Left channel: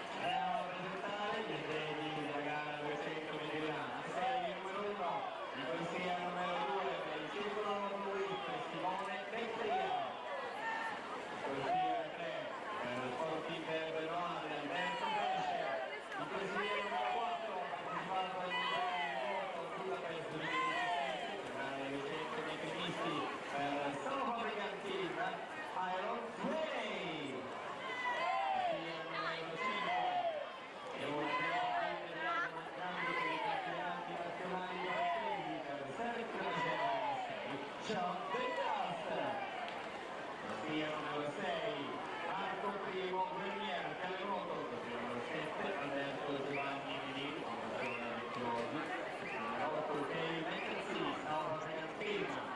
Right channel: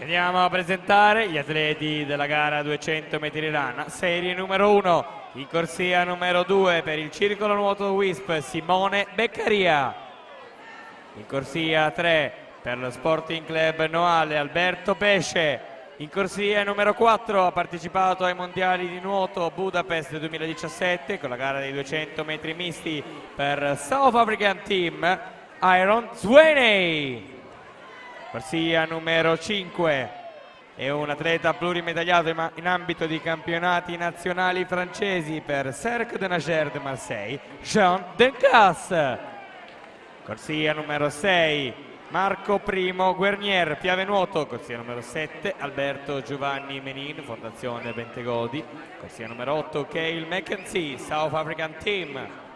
Andiamo a presentare gli atleti della gara 200 metri rana, serie numero 1, in corsia numero 2 per il circolo nuoto WISP Simone Beccaria, in corsia 3 per lo Sporting Club Noale Alberto Pesce, in corsia numero 4 ha partecipato ai mondiali di nuoto Budapest 2017 con la gara dei 200 metri misti per South African Team Iron Swaney. Corsia numero 5 è un atleta plurimedagliato in ambito di campionati nazionali francesi per Cercle de Nageur de Marseille, Jean Dencas. Corsia numero 6 Marco Primo Guernier, Piave Nuoto. Corsia numero 7 Alberto Giovanni Menin, Fondazione Bentegodi. Corsia numero 8 Cale McKenzie, South African Team.